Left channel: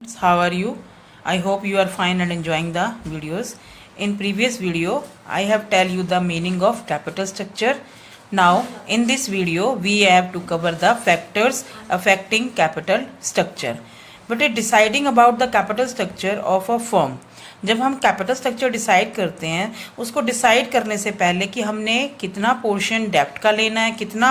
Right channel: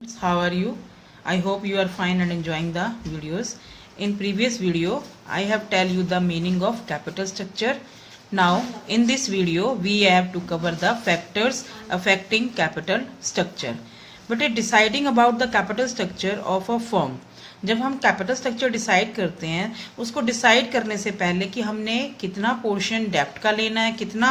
How are you? I hope you are fine and enjoying the videos. In previous video, I have tell you the meaning of capital structure. Now, in this video, we have to cover the factors affecting capital structure. But deciding about the capital structure of a firm, जब हम capital structure decide करते हैं उसको decide करने से पहले कि हमने कितना पोर्शन डेब्ट का लेना है, कितना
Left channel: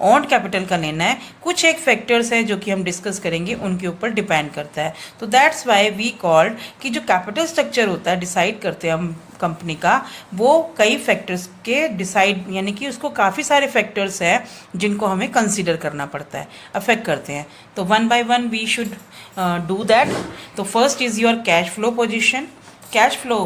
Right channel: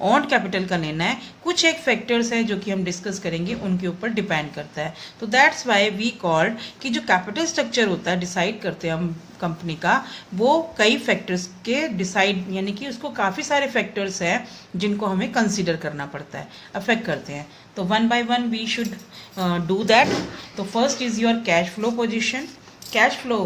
ऑन कैपिटल का लेना है, कुछ एक फैक्टर्स हैं जो कि हम डिस्कस करेंगे, उनके ऊपर डिपेंड करता है. तो दैट्स वाई वी कॉल्ड कि जो कैपिटल स्ट्रक्चर होता है डिसाइड करते हैं हम कंपनी का, वो कई फैक्टर्स के डिसाइड यानी कि उसको काफ़ी सारे फैक्टर्स हैं जिनको हमें कंसीडर करना पड़ता है, अफेक्ट करते हैं. तो one by one we should do that. तो first is your cash flow position. Cash flow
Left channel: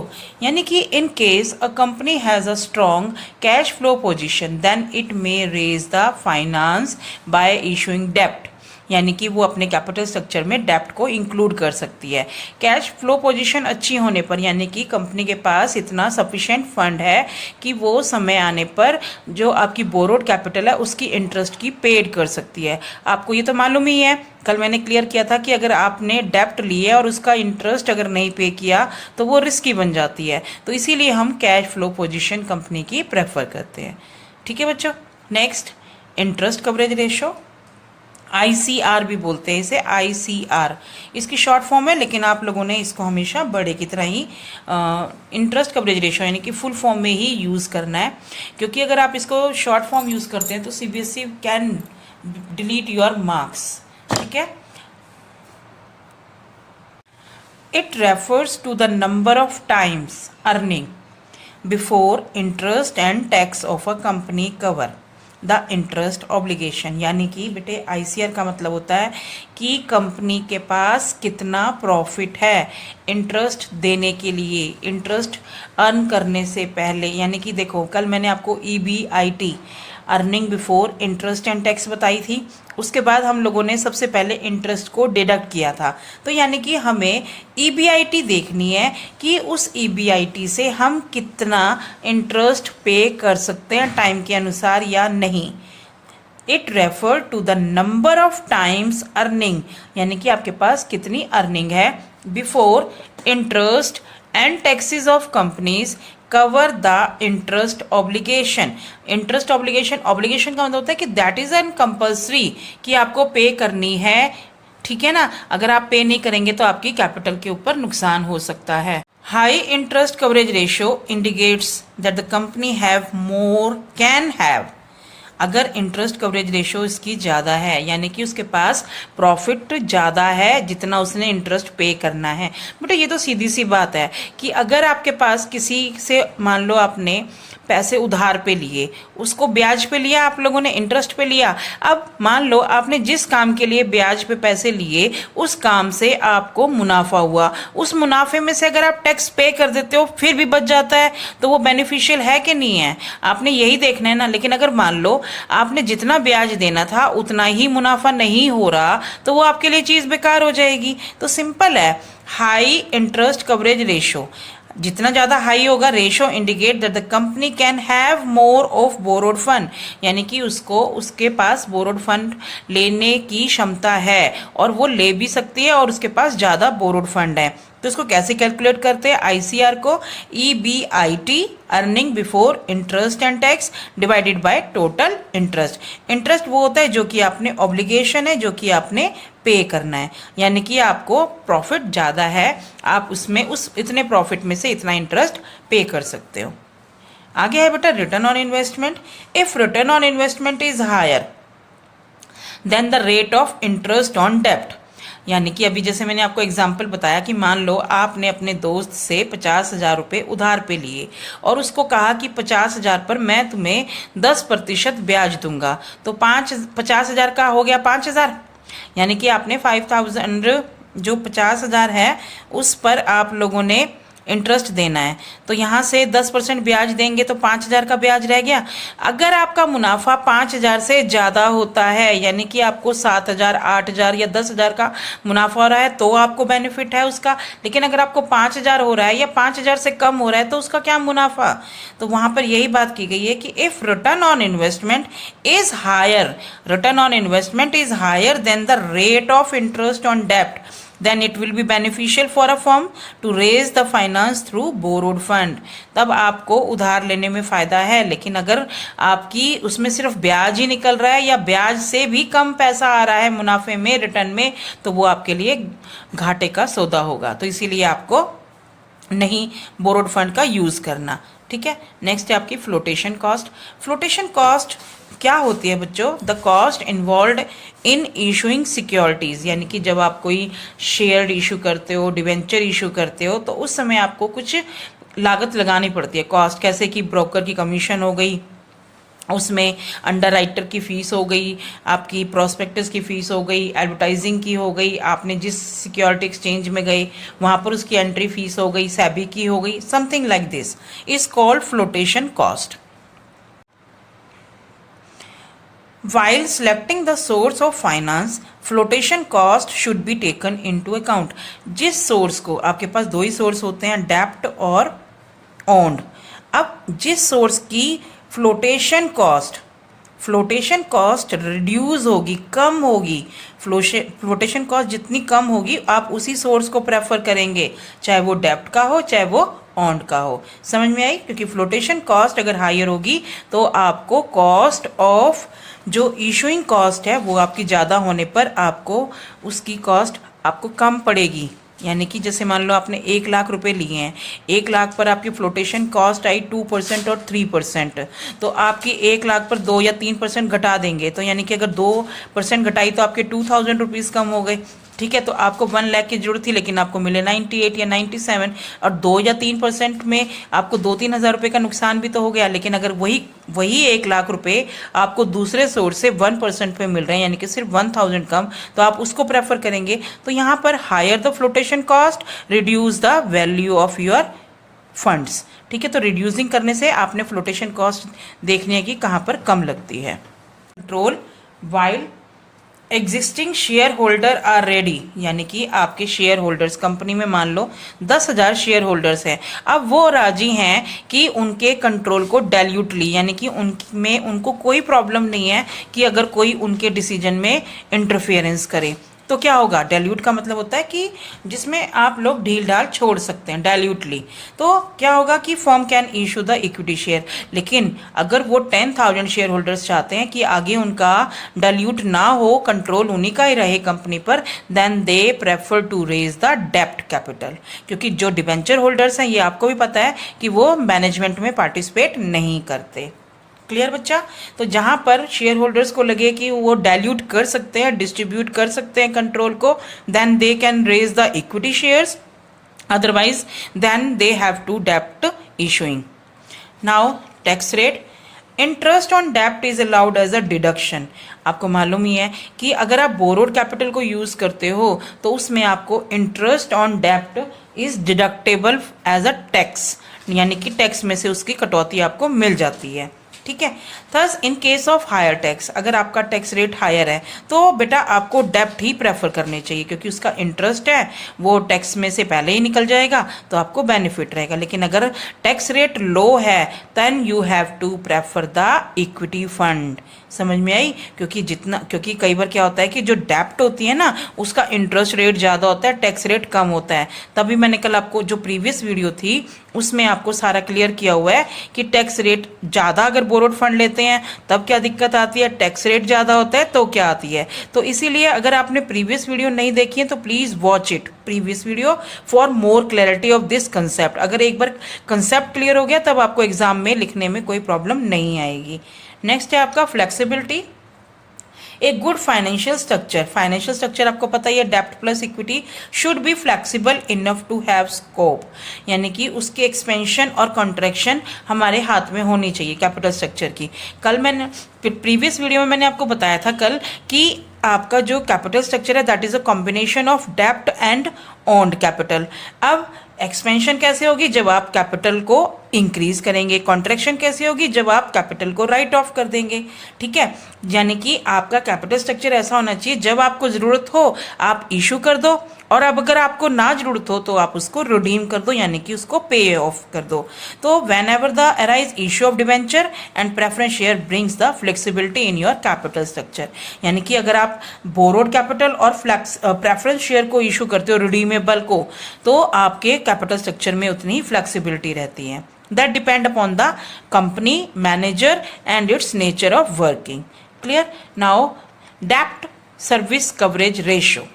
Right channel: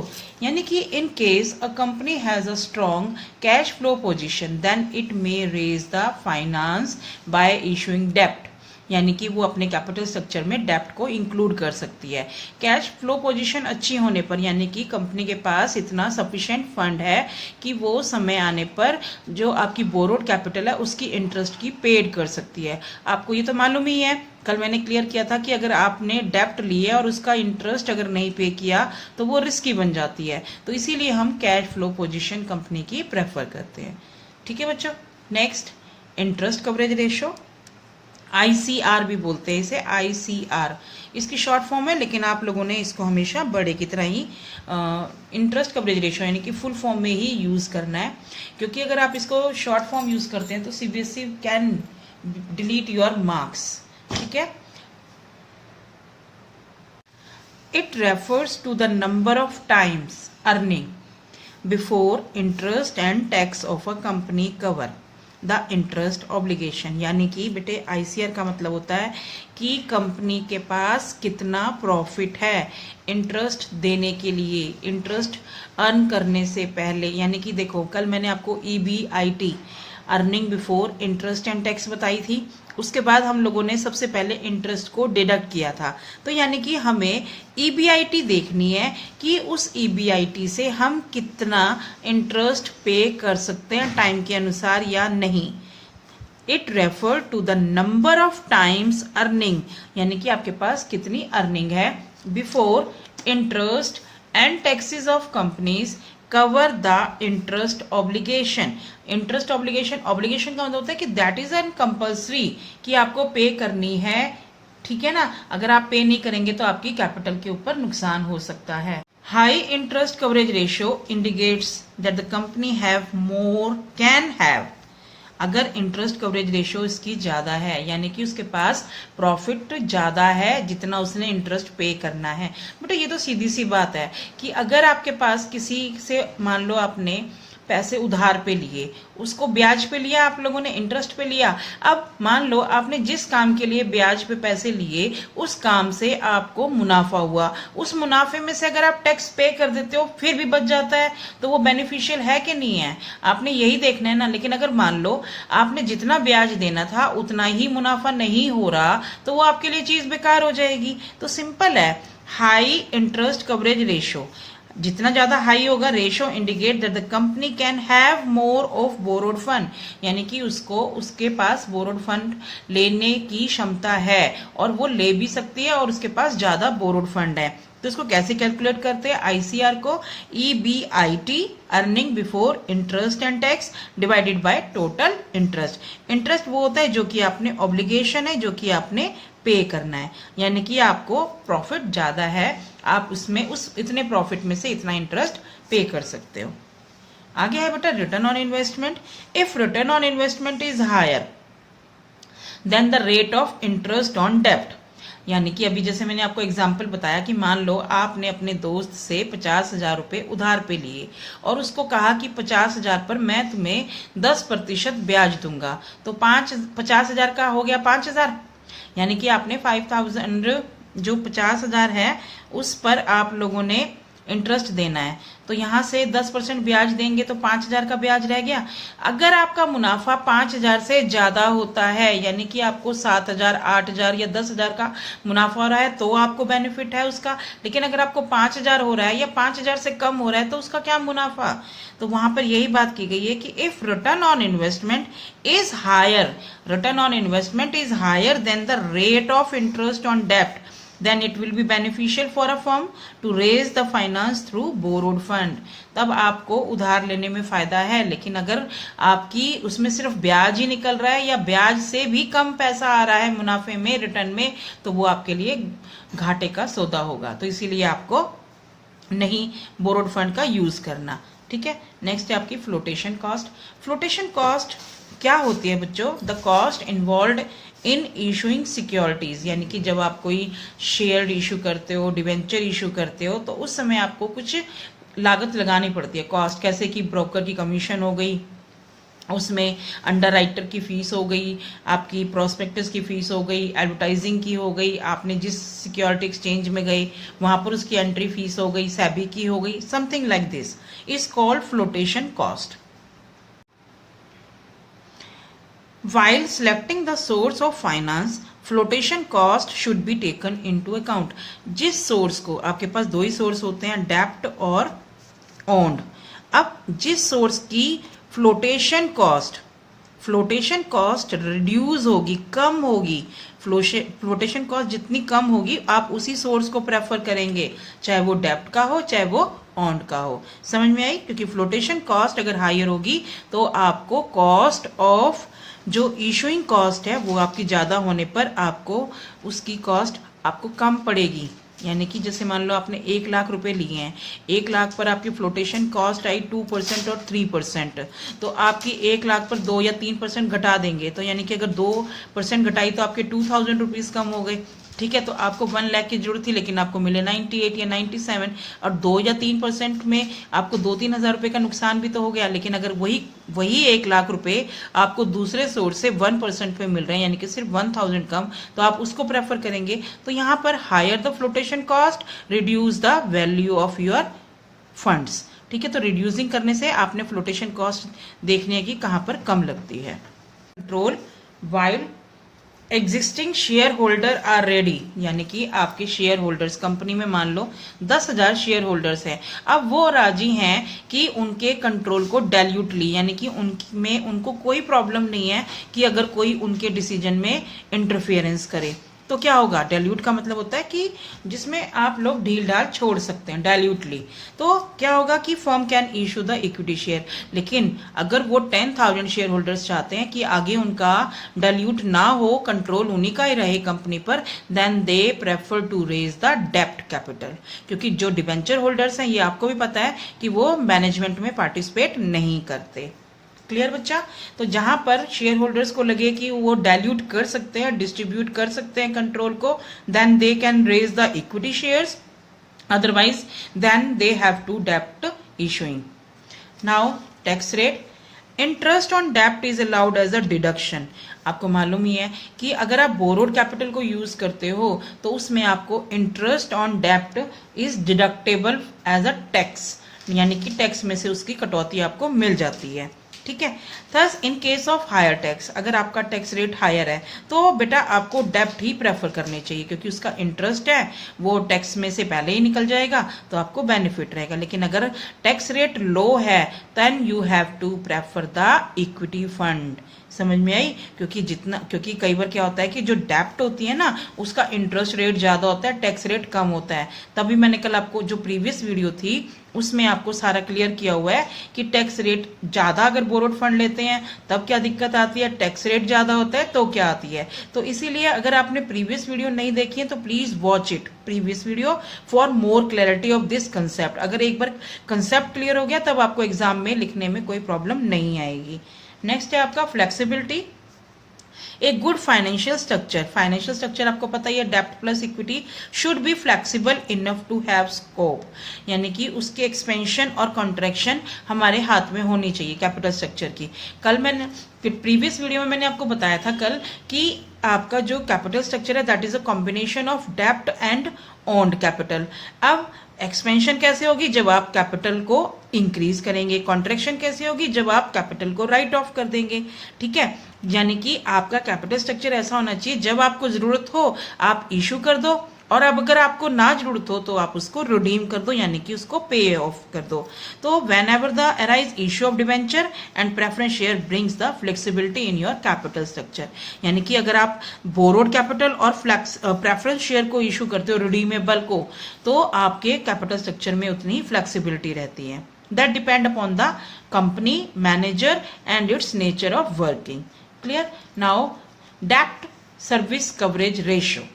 यानी कि in case a company has a strong cash flow position then it may raise the finance by issuing डेप्ट, यानी कि वो अपने capital structure में डेप्ट को इंक्लूड कर सकती है. कैश फ्लो पोजीशन अच्छी होने पर यानी कि कंपनी के पास इतना सफिशिएंट फंड है कि वो समय आने पर जो आपकी बोरोड कैपिटल है उसकी इंटरेस्ट की पेड कर सकती है. आपको ये तो मालूम ही है, कल मैंने क्लियर किया था कि अगर आपने डेप्ट लिए और उसका इंटरेस्ट अगर नहीं पे किया तो वो रिस्की बन जाती है. तो इसीलिए हम कैश फ्लो पोजीशन कंपनी की प्रेफर करते हैं. ठीक है बच्चों. Next, interest coverage ratio, ICR भी बोलते हैं इसे, ICR इसकी शॉर्ट फॉर्म है, लेकिन आप लोगों ने इसको हमेशा बड़े की तरह ही इंटरेस्ट कवरेज रेशो यानी कि फुल फॉर्म में ही यूज़ करना है, क्योंकि अगर आप इसको शॉर्ट फॉर्म यूज़ करते हैं तो CBSE can delete your marks. ठीक है. It refers to the number of times earning before interest and tax of a company cover the interest obligation. यानी कि बेटे ICR का मतलब होता है कि कंपनी के पास कितना प्रॉफिट है इंटरेस्ट देने के लिए, इंटरेस्ट अर्न करने से पहले. यानी कि देखो, कल मैंने आपको EBIT earning before interest and tax बताई थी, उसके बाद हम लोगों ने सबसे पहले इंटरेस्ट को डिडक्ट किया था. तो यानी कि हमें EBIT देखनी है कि उस EBIT से हम कितना इंटरेस्ट पे कर सकते हैं टाइम के अनुसार या नहीं. It refer to the number of times earning, यानी कि आपके पास कितनी अर्निंग है before interest and taxes of companies cover the interest obligation. Interest obligation, obligation का मतलब होता है कि दैट इज एन कंपल्सरी कि आपको पे करनी है. ठीक है ना. अगर आप पे नहीं करेंगे तो आपकी कैपिटल के ऊपर नुकसान हो सकता है. High interest coverage ratio indicates that the company have more can have. अगर इंटरेस्ट कवरेज रेशियो इसकी ज़्यादा है यानी कि उसके पास प्रॉफिट ज़्यादा है जितना उसने इंटरेस्ट पे करना है. बेटा ये तो सीधी सी बात है कि अगर आपके पास किसी से मान लो आपने पैसे उधार पे लिए, उसको ब्याज पे लिया, आप लोगों ने इंटरेस्ट पे लिया. अब मान लो आपने जिस काम के लिए ब्याज पे पैसे लिए उस काम से आपको मुनाफा हुआ, उस मुनाफे में से अगर आप टैक्स पे कर देते हो फिर भी बच जाता है, तो वो बेनिफिशियल है कि नहीं है, आपने यही देखना है ना. लेकिन अगर मान लो आपने जितना ब्याज देना था उतना ही मुनाफा नहीं हो रहा तो वो आपके लिए चीज़ बेकार हो जाएगी. तो सिंपल है, हाई इंटरेस्ट कवरेज रेशो, जितना ज़्यादा हाई होगा ratio indicate that the company can have more of borrowed fund, यानी कि उसको उसके पास बोरोड फंड लेने की क्षमता है और वो ले भी सकती है और उसके पास ज़्यादा बोरोड फंड है. तो इसको कैसे कैलकुलेट करते हैं ICR को, EBIT earning before interest and tax divided by total interest. Interest वो होता है जो कि आपने ऑब्लिगेशन है, जो कि आपने पे करना है, यानी कि आपको प्रॉफिट ज़्यादा है, आप उसमें उस इतने प्रॉफिट में से इतना इंटरेस्ट पे कर सकते हो. आगे है बेटा return on investment. If return on investment is higher then the rate of interest on डेप्ट. यानी कि अभी जैसे मैंने आपको एग्जाम्पल बताया कि मान लो आपने अपने दोस्त से 50,000 रुपये उधार पे लिए और उसको कहा कि 50,000 पर मैं तुम्हें 10% ब्याज दूंगा. तो 50,000 का हो गया 5,000, यानी कि आपने 5,000 जो 50,000 है उस पर आप लोगों ने इंटरेस्ट देना है. तो यहाँ से 10% ब्याज देंगे तो 5,000 का ब्याज रह गया. अगर आपका मुनाफा 5,000 से ज़्यादा होता है यानी कि आपको 7,000, 8,000 या 10,000 का मुनाफा हो रहा है तो आपको बेनिफिट है उसका. लेकिन अगर आपको 5,000 हो रहा है या 5,000 से कम हो रहा है तो उसका क्या मुनाफा. तो वहाँ पर यही बात की गई है कि if return on investment is higher, return on investment is higher then the rate of interest on डेप्ट, then it will be beneficial for a firm to raise the finance through borrowed fund. तब आपको उधार लेने में फायदा है, लेकिन अगर आपकी उसमें सिर्फ ब्याज ही निकल रहा है या ब्याज से भी कम पैसा आ रहा है मुनाफे में, रिटर्न में, तो वो आपके लिए घाटे का सौदा होगा। तो इसीलिए आपको नहीं बोरोड फंड का यूज करना। ठीक है, नेक्स्ट है आपकी फ्लोटेशन कॉस्ट। फ्लोटेशन कॉस्ट क्या होती है बच्चों? The cost involve in issuing securities, यानी कि जब आप कोई शेयर इशू करते हो, डिवेंचर इशू करते हो, तो उस समय आपको कुछ लागत लगानी पड़ती है। कॉस्ट कैसे कि ब्रोकर की कमीशन हो गई, उसमें अंडरराइटर की फीस हो गई, आपकी प्रोस्पेक्टस की फीस हो गई, एडवर्टाइजिंग की हो गई, आपने जिस सिक्योरिटी एक्सचेंज में गए वहां पर उसकी एंट्री फीस हो गई, सेबी की हो गई, something like this is called flotation cost. While selecting the source of finance, flotation cost should be taken into account. जिस सोर्स को, आपके पास दो ही सोर्स होते हैं, डेप्ट और ओन्ड। अब जिस सोर्स की फ्लोटेशन कॉस्ट रिड्यूस होगी, कम होगी, फ्लोटेशन कॉस्ट जितनी कम होगी आप उसी सोर्स को प्रेफर करेंगे, चाहे वो डेप्ट का हो चाहे वो ऑन्ड का हो। समझ में आई? क्योंकि फ्लोटेशन कॉस्ट अगर हायर होगी तो आपको कॉस्ट ऑफ जो इशूइंग कॉस्ट है वो आपकी ज्यादा होने पर आपको उसकी कॉस्ट आपको कम पड़ेगी। यानी कि जैसे मान लो आपने 1 लाख रुपए लिए हैं, 1 लाख पर आपकी फ्लोटेशन कॉस्ट आई 2% और 3%, तो आपकी 1 लाख पर 2 या 3% घटा देंगे, तो यानी कि अगर 2% घटाई तो आपके 2000 रुपीज कम हो गए। ठीक है, तो आपको 1 लाख की जरूरत थी लेकिन आपको मिले 98 या 97, और 2 या 3% में आपको 2-3 हजार रुपए का नुकसान भी तो हो गया। लेकिन अगर वही 1 लाख रुपए आपको दूसरे सोर्स से 1% पे मिल रहे हैं, यानी कि सिर्फ 1000 कम, तो आप उसको प्रेफर करेंगे। तो यहां पर higher the flotation cost, reduce the value of your funds. ठीक है, तो रिड्यूसिंग करने से आपने फ्लोटेशन कॉस्ट देखनी है कि कहां पर कम लगती है। Control while existing share holder are ready, यानी कि आपके शेयर होल्डर्स, कंपनी में मान लो 10,000 शेयर होल्डर्स हैं, अब वो राजी हैं कि उनके कंट्रोल को डाइल्यूटली, यानी कि उनमें उनको कोई प्रॉब्लम नहीं है कि अगर कोई उनके डिसीजन में इंटरफेरेंस करे, तो क्या होगा? डाइल्यूट का मतलब होता है कि जिसमें आप लोग ढील ढाल छोड़ सकते हैं, डाइल्यूटली। तो क्या होगा कि firm can issue the equity share. लेकिन अगर वो 10,000 शेयर होल्डर्स चाहते हैं कि आगे उनका डाइल्यूट ना हो, कंट्रोल उन्हीं का ही रहे कंपनी पर, then they prefer to raise the डेप्ट कैपिटल। क्योंकि जो डिबेंचर होल्डर्स हैं, ये आपको भी पता है कि वो मैनेजमेंट में पार्टिसिपेट नहीं करते। क्लियर बच्चा? तो जहां पर शेयर होल्डर्स को लगे कि वो डाइल्यूट कर सकते हैं, डिस्ट्रीब्यूट कर सकते हैं कंट्रोल को, then they can raise the equity shares, otherwise then they have to dept issuing. Now tax rate, interest on डेप्ट is allowed as a deduction. आपको मालूम ही है कि अगर आप बोरोड कैपिटल को यूज करते हो तो उसमें आपको इंटरेस्ट ऑन डेप्ट is deductible as a tax, यानी कि टैक्स में से उसकी कटौती आपको मिल जाती है। ठीक है, thus in case of higher tax, अगर आपका टैक्स रेट हायर है तो बेटा आपको डेप्ट ही प्रेफर करनी चाहिए, क्योंकि उसका इंटरेस्ट है वो टैक्स में से पहले ही निकल जाएगा, तो आपको बेनिफिट रहेगा। लेकिन अगर टैक्स रेट लो है then you have to prefer the equity fund. समझ में आई? क्योंकि कई बार क्या होता है कि जो डेप्ट होती है ना, उसका इंटरेस्ट रेट ज्यादा होता है, टैक्स रेट कम होता है। तभी मैंने कल आपको जो प्रीवियस वीडियो थी उसमें आपको सारा क्लियर किया हुआ है कि टैक्स रेट ज्यादा अगर बोरोड फंड लेते हैं तब क्या दिक्कत आती है, टैक्स रेट ज्यादा होता है तो क्या आती है। तो इसीलिए अगर आपने प्रीवियस वीडियो नहीं देखी है तो please watch it, previous video, for more clarity of this concept. अगर एक बार कंसेप्ट क्लियर हो गया तब आपको एग्जाम में लिखने में कोई प्रॉब्लम नहीं आएगी। नेक्स्ट है आपका flexibility. A good financial structure, financial structure आपको पता ही है, डेप्ट plus equity should be flexible enough to have scope, यानी कि उसकी एक्सपेंशन और कॉन्ट्रैक्शन हमारे हाथ में होनी चाहिए कैपिटल स्ट्रक्चर की। कल मैंने प्रीवियस वीडियो में मैंने आपको बताया था कल कि आपका जो कैपिटल स्ट्रक्चर है that is a combination of डेप्ट एंड ओन्ड कैपिटल। अब एक्सपेंशन कैसे होगी? जब आप कैपिटल को इंक्रीज करेंगे। कॉन्ट्रैक्शन कैसे होगी? जब आप कैपिटल को राइट ऑफ कर देंगे। ठीक है, यानी कि आपका कैपिटल स्ट्रक्चर ऐसा होना चाहिए, जब आपको जरूरत हो आप इशू कर दो, और अब अगर आपको ना जरूरत हो तो आप उसको रिडीम कर दो, यानी कि उसको पे ऑफ कर दो। तो when ever the arise issue of debenture and preference share brings the flexibility in your capital structure, यानी कि अगर आप बोरोड कैपिटल और प्रेफरेंस शेयर को इशू करते हो, रिडीमेबल को, तो आपके कैपिटल स्ट्रक्चर में उतनी फ्लेक्सिबिलिटी रहती है। That depend upon the company, manager and its nature of working. Clear? Now डेप्ट service coverage ratio,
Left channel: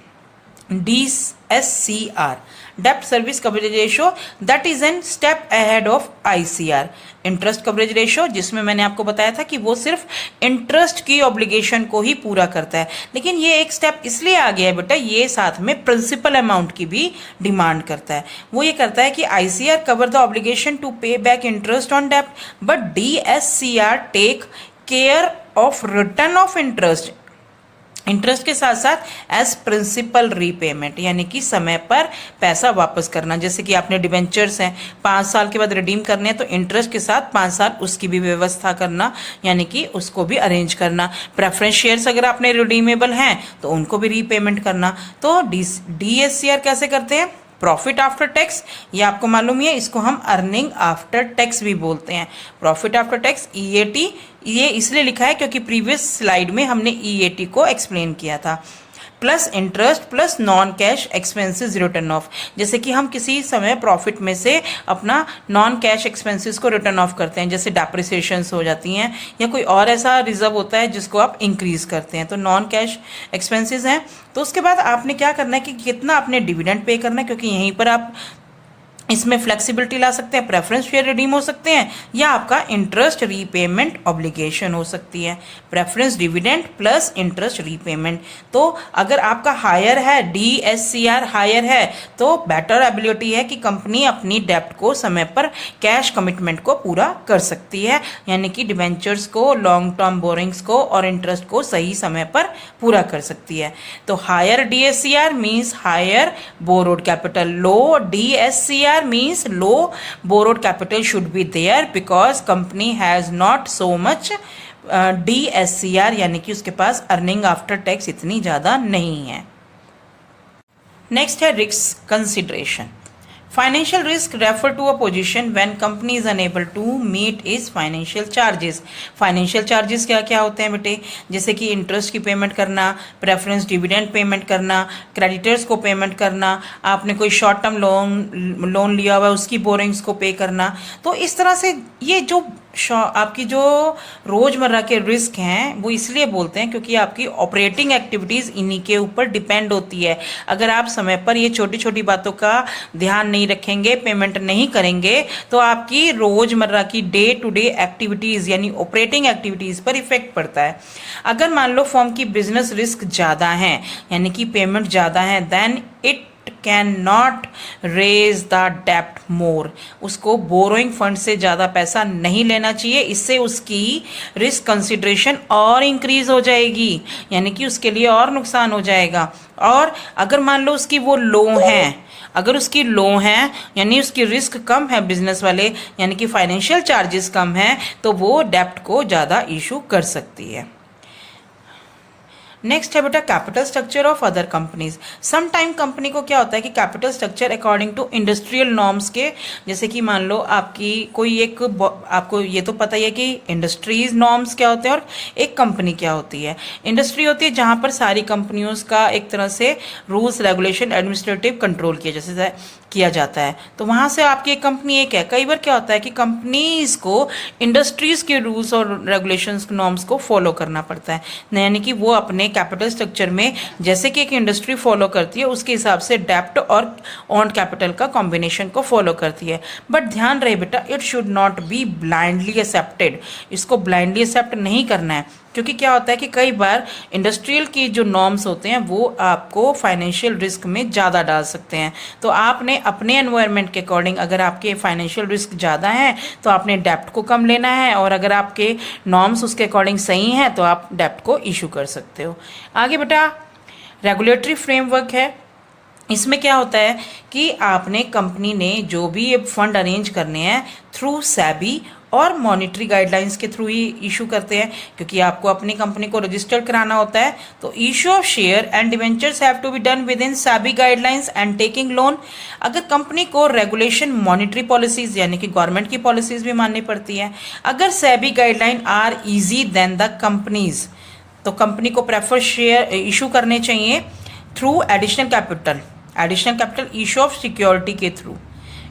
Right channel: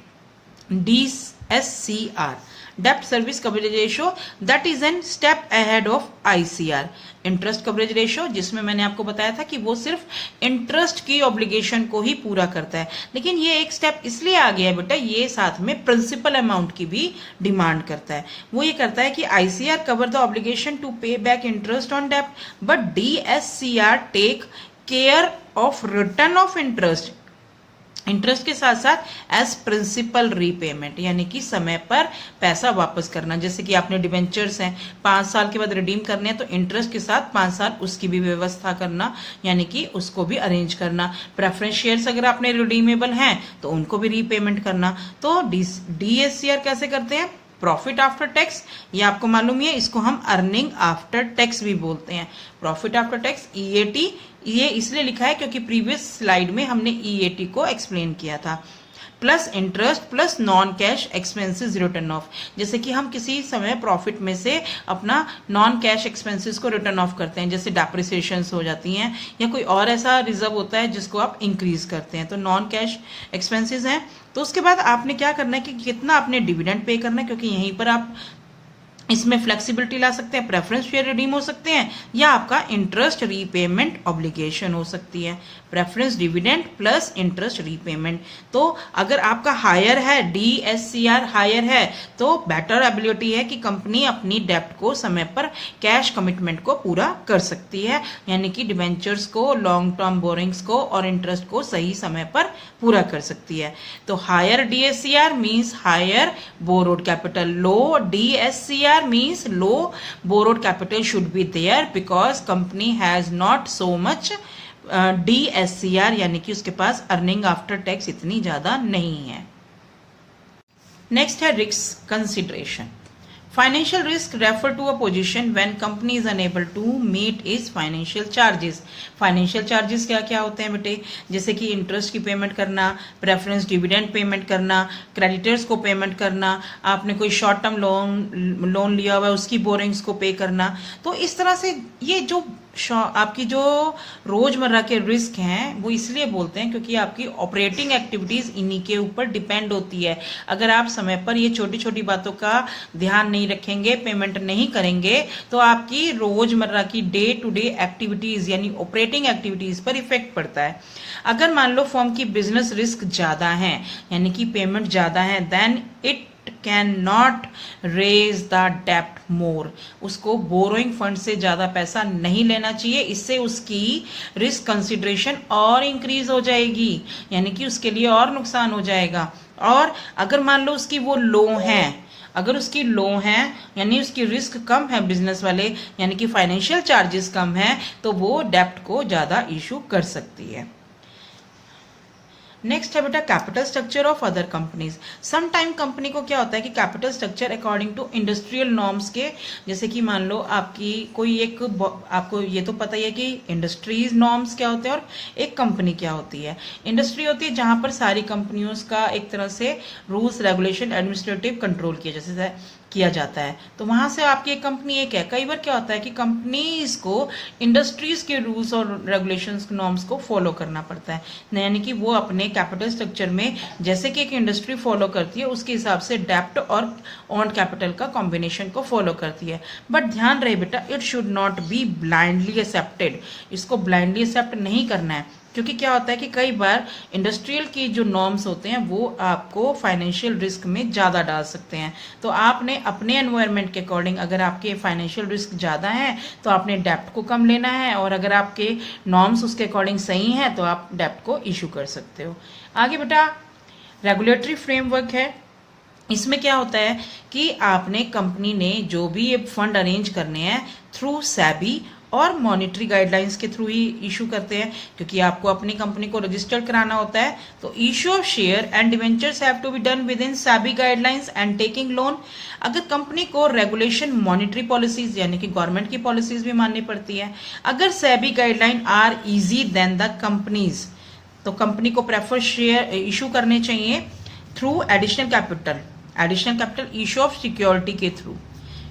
DSCR, debt service coverage ratio, that is an step ahead of ICR, interest coverage ratio, जिसमें मैंने आपको बताया था कि वो सिर्फ interest की ऑब्लिगेशन को ही पूरा करता है, लेकिन ये एक स्टेप इसलिए आ गया है बेटा, ये साथ में प्रिंसिपल अमाउंट की भी डिमांड करता है। वो ये करता है कि ICR cover the obligation to pay back interest on डेप्ट, but DSCR take care of return of interest, interest के साथ साथ एज प्रिंसिपल रीपेमेंट, यानी कि समय पर पैसा वापस करना। जैसे कि आपने डिवेंचर्स हैं 5 साल के बाद रिडीम करने हैं, तो इंटरेस्ट के साथ 5 साल उसकी भी व्यवस्था करना, यानी कि उसको भी अरेंज करना। प्रेफरेंस शेयर्स अगर आपने रिडीमेबल हैं तो उनको भी रीपेमेंट करना। तो DSCR कैसे करते हैं? प्रॉफिट आफ्टर टैक्स, ये आपको मालूम है, इसको हम अर्निंग आफ्टर टैक्स भी बोलते हैं। प्रॉफिट आफ्टर टैक्स EAT, ये इसलिए लिखा है क्योंकि प्रीवियस स्लाइड में हमने EAT को एक्सप्लेन किया था। Plus interest plus non cash expenses return of, जैसे कि हम किसी समय प्रॉफिट में से अपना नॉन कैश एक्सपेंसेस को रिटर्न ऑफ करते हैं, जैसे डेप्रिसिएशंस हो जाती हैं या कोई और ऐसा रिजर्व होता है जिसको आप इंक्रीज करते हैं, तो नॉन कैश एक्सपेंसेस हैं। तो उसके बाद आपने क्या करना है कि कितना आपने डिविडेंड पे करना है, क्योंकि यहीं पर आप इसमें फ्लेक्सिबिलिटी ला सकते हैं, प्रेफरेंस शेयर रिडीम हो सकते हैं, या आपका इंटरेस्ट रीपेमेंट ऑब्लिगेशन हो सकती है। Preference dividend plus interest repayment. तो अगर आपका हायर है, DSCR हायर है, तो बेटर एबिलिटी है कि कंपनी अपनी डेप्ट को समय पर कैश कमिटमेंट को पूरा कर सकती है, यानी कि डिवेंचर्स को, लॉन्ग टर्म बोरिंग्स को और इंटरेस्ट को सही समय पर पूरा कर सकती है। तो higher DSCR means higher borrowed capital, low DSCR means low borrowed capital should be there because company has not so much DSCR, यानी कि उसके पास अर्निंग आफ्टर टैक्स इतनी ज्यादा नहीं है। नेक्स्ट है risk consideration. Financial risk refer to a position when company is unable to meet is financial charges. Financial charges क्या क्या होते हैं बेटे? जैसे कि इंटरेस्ट की पेमेंट करना, प्रेफरेंस डिविडेंड पेमेंट करना, क्रेडिटर्स को पेमेंट करना, आपने कोई शॉर्ट टर्म लोन लिया हुआ है उसकी बोरिंग्स को पे करना। तो इस तरह से ये जो आपकी जो रोजमर्रा के रिस्क हैं वो इसलिए बोलते हैं क्योंकि आपकी ऑपरेटिंग एक्टिविटीज इन्हीं के ऊपर डिपेंड होती है। अगर आप समय पर ये छोटी छोटी बातों का ध्यान नहीं रखेंगे, पेमेंट नहीं करेंगे, तो आपकी रोजमर्रा की डे टू डे एक्टिविटीज यानी ऑपरेटिंग एक्टिविटीज पर इफेक्ट पड़ता है। अगर मान लो फर्म की बिजनेस रिस्क ज्यादा है यानी कि पेमेंट ज्यादा है, then it can not raise the डेप्ट मोर, उसको बोरोइंग फंड से ज्यादा पैसा नहीं लेना चाहिए, इससे उसकी रिस्क कंसिडरेशन और इंक्रीज हो जाएगी, यानी कि उसके लिए और नुकसान हो जाएगा। और अगर मान लो उसकी वो लो है, अगर उसकी लो है यानी उसकी रिस्क कम है बिजनेस वाले, यानी कि फाइनेंशियल चार्जेस कम है, तो वो डेप्ट को ज्यादा इशू कर सकती है। नेक्स्ट है बेटा capital structure of other companies. Some time company को क्या होता है कि capital structure according to industrial norms के, जैसे कि मान लो आपकी कोई एक, आपको ये तो पता ही है कि इंडस्ट्रीज नॉर्म्स क्या होते हैं और एक कंपनी क्या होती है। इंडस्ट्री होती है जहां पर सारी कंपनियों का एक तरह से रूल्स रेगुलेशन एडमिनिस्ट्रेटिव कंट्रोल किया जाता है, तो वहां से आपकी एक कंपनी एक है। कई बार क्या होता है कि कंपनीज को इंडस्ट्रीज के रूल्स और रेगुलेशंस नॉर्म्स को फॉलो करना पड़ता है, यानी कि वो अपने कैपिटल स्ट्रक्चर में जैसे कि एक इंडस्ट्री फॉलो करती है उसके हिसाब से डेप्ट और ऑन कैपिटल का कॉम्बिनेशन को फॉलो करती है। बट ध्यान रहे बेटा, it should not be blindly accepted, इसको ब्लाइंडली एक्सेप्ट नहीं करना है, क्योंकि क्या होता है कि कई बार इंडस्ट्रियल की जो नॉर्म्स होते हैं वो आपको फाइनेंशियल रिस्क में ज़्यादा डाल सकते हैं। तो आपने अपने एनवायरनमेंट के अकॉर्डिंग, अगर आपके फाइनेंशियल रिस्क ज़्यादा है तो आपने डेप्ट को कम लेना है, और अगर आपके नॉर्म्स उसके अकॉर्डिंग सही हैं तो आप डेप्ट को इशू कर सकते हो। आगे बेटा रेगुलेटरी फ्रेमवर्क है इसमें क्या होता है कि आपने कंपनी ने जो भी ये फंड अरेंज करने हैं थ्रू सैबी और मॉनेटरी गाइडलाइंस के थ्रू ही इशू करते हैं, क्योंकि आपको अपनी कंपनी को रजिस्टर कराना होता है। तो issue of share and debentures have to be done within SEBI guidelines and taking loan. अगर कंपनी को रेगुलेशन मॉनेटरी पॉलिसीज यानी कि गवर्नमेंट की पॉलिसीज भी माननी पड़ती है। अगर SEBI guideline are easy then the companies, तो कंपनी को प्रेफर शेयर इशू करने चाहिए through additional capital issue of security के थ्रू।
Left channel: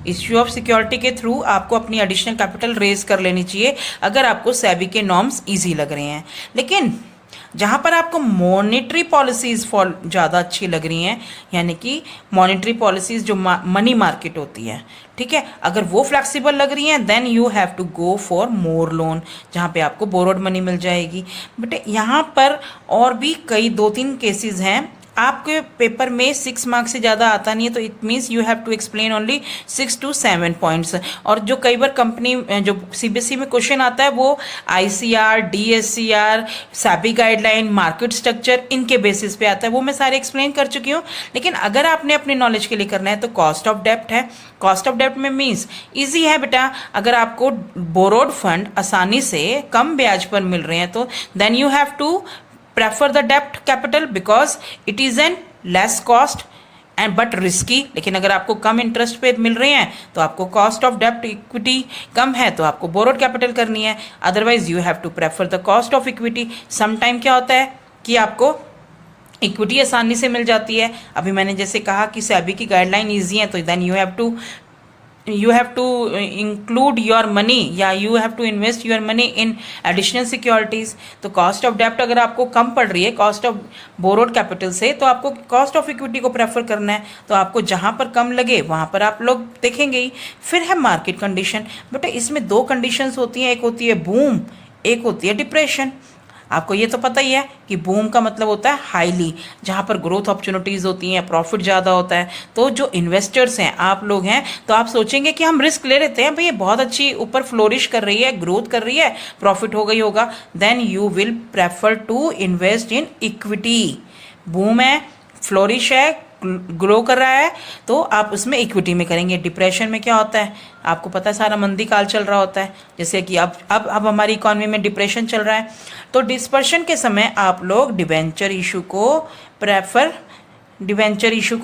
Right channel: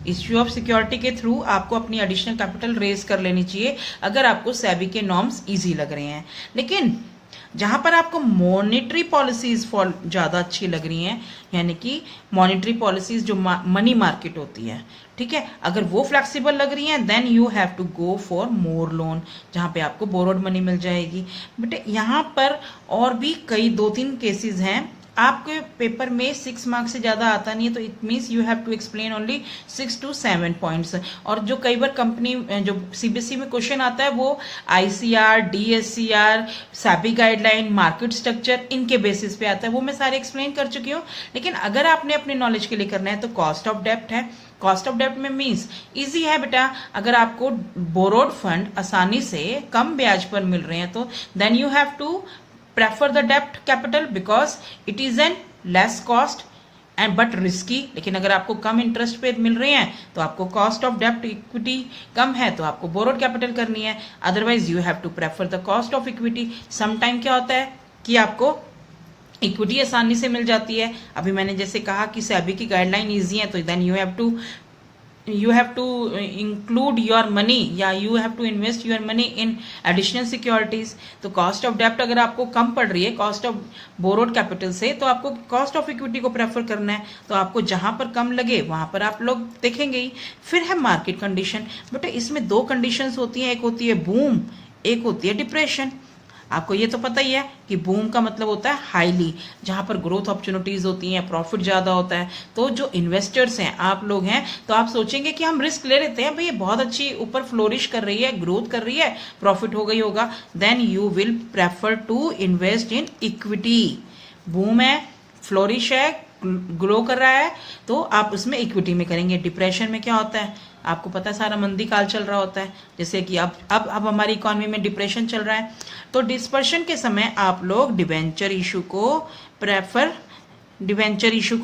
इश्यू ऑफ सिक्योरिटी के थ्रू आपको अपनी एडिशनल कैपिटल रेज कर लेनी चाहिए अगर आपको सेबी के नॉर्म्स इजी लग रहे हैं। लेकिन जहां पर आपको मॉनेटरी पॉलिसीज ज़्यादा अच्छी लग रही हैं, यानी कि मॉनेटरी पॉलिसीज जो मनी मार्केट होती है, ठीक है, अगर वो फ्लेक्सिबल लग रही हैं then you have to go for more loan, जहां पे आपको बोरोड मनी मिल जाएगी। बट यहाँ पर और भी कई 2-3 केसेस हैं। आपके पेपर में 6 मार्क्स से ज़्यादा आता नहीं है, तो it means you have to explain only 6 to 7 points. और जो कई बार कंपनी जो सीबीएसई में क्वेश्चन आता है वो ICR, DSCR, SEBI guideline, market structure, इनके बेसिस पे आता है, वो मैं सारे एक्सप्लेन कर चुकी हूँ। लेकिन अगर आपने अपने नॉलेज के लिए करना है तो कॉस्ट ऑफ डेप्ट है। कॉस्ट ऑफ डेप्ट में मीन्स ईजी है बेटा, अगर आपको बोरोड फंड आसानी से कम ब्याज पर मिल रहे हैं तो then you have to prefer the debt capital because it is an less cost and but risky। लेकिन अगर आपको कम इंटरेस्ट पे मिल रहे हैं तो आपको कॉस्ट ऑफ डेप्ट इक्विटी कम है तो आपको बोरोड कैपिटल करनी है, otherwise you have to prefer the cost of equity. Some time क्या होता है कि आपको इक्विटी आसानी से मिल जाती है। अभी मैंने जैसे कहा कि सेबी की गाइडलाइन ईजी है, तो then you have to include your money या you have to invest your money in additional securities। तो कॉस्ट ऑफ डेप्ट अगर आपको कम पड़ रही है कॉस्ट ऑफ बोरोड कैपिटल से, तो आपको कॉस्ट ऑफ इक्विटी को प्रेफर करना है। तो आपको जहां पर कम लगे वहां पर आप लोग देखेंगे ही। फिर है मार्केट कंडीशन। बेटा इसमें 2 कंडीशंस होती हैं, एक होती है बूम, एक होती है डिप्रेशन। आपको ये तो पता ही है कि बूम का मतलब होता है हाईली, जहां पर ग्रोथ अपॉर्चुनिटीज होती हैं, प्रॉफिट ज़्यादा होता है। तो जो इन्वेस्टर्स हैं, आप लोग हैं, तो आप सोचेंगे कि हम रिस्क ले लेते हैं, भाई ये बहुत अच्छी ऊपर फ्लोरिश कर रही है, ग्रोथ कर रही है, प्रॉफिट हो गई होगा, then you will prefer to invest in equity. Boom है, फ्लोरिश है, ग्रो कर रहा है, तो आप उसमें इक्विटी में करेंगे। डिप्रेशन में क्या होता है, आपको पता है सारा मंदी काल चल रहा होता है, जैसे कि अब हमारी इकोनॉमी में डिप्रेशन चल रहा है। तो डिस्पर्शन के समय आप लोग डिवेंचर इशू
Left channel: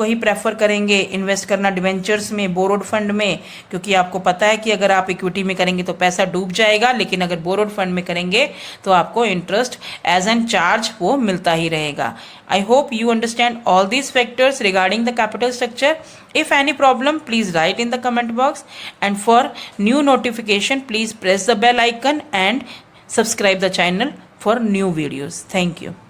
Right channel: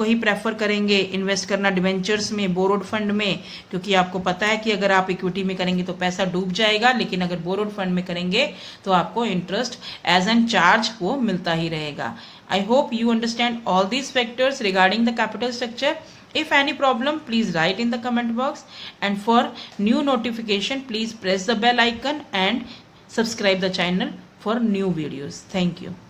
ही प्रेफर करेंगे इन्वेस्ट करना डिवेंचर्स में, बोरोड फंड में, क्योंकि आपको पता है कि अगर आप इक्विटी में करेंगे तो पैसा डूब जाएगा, लेकिन अगर बोरोड फंड में करेंगे तो आपको इंटरेस्ट एज एन चार्ज वो मिलता ही रहेगा। I hope you understand all these factors regarding the capital structure. If any problem, please write in the comment box. And for new notification, please press the bell icon and subscribe the channel for new videos. Thank you.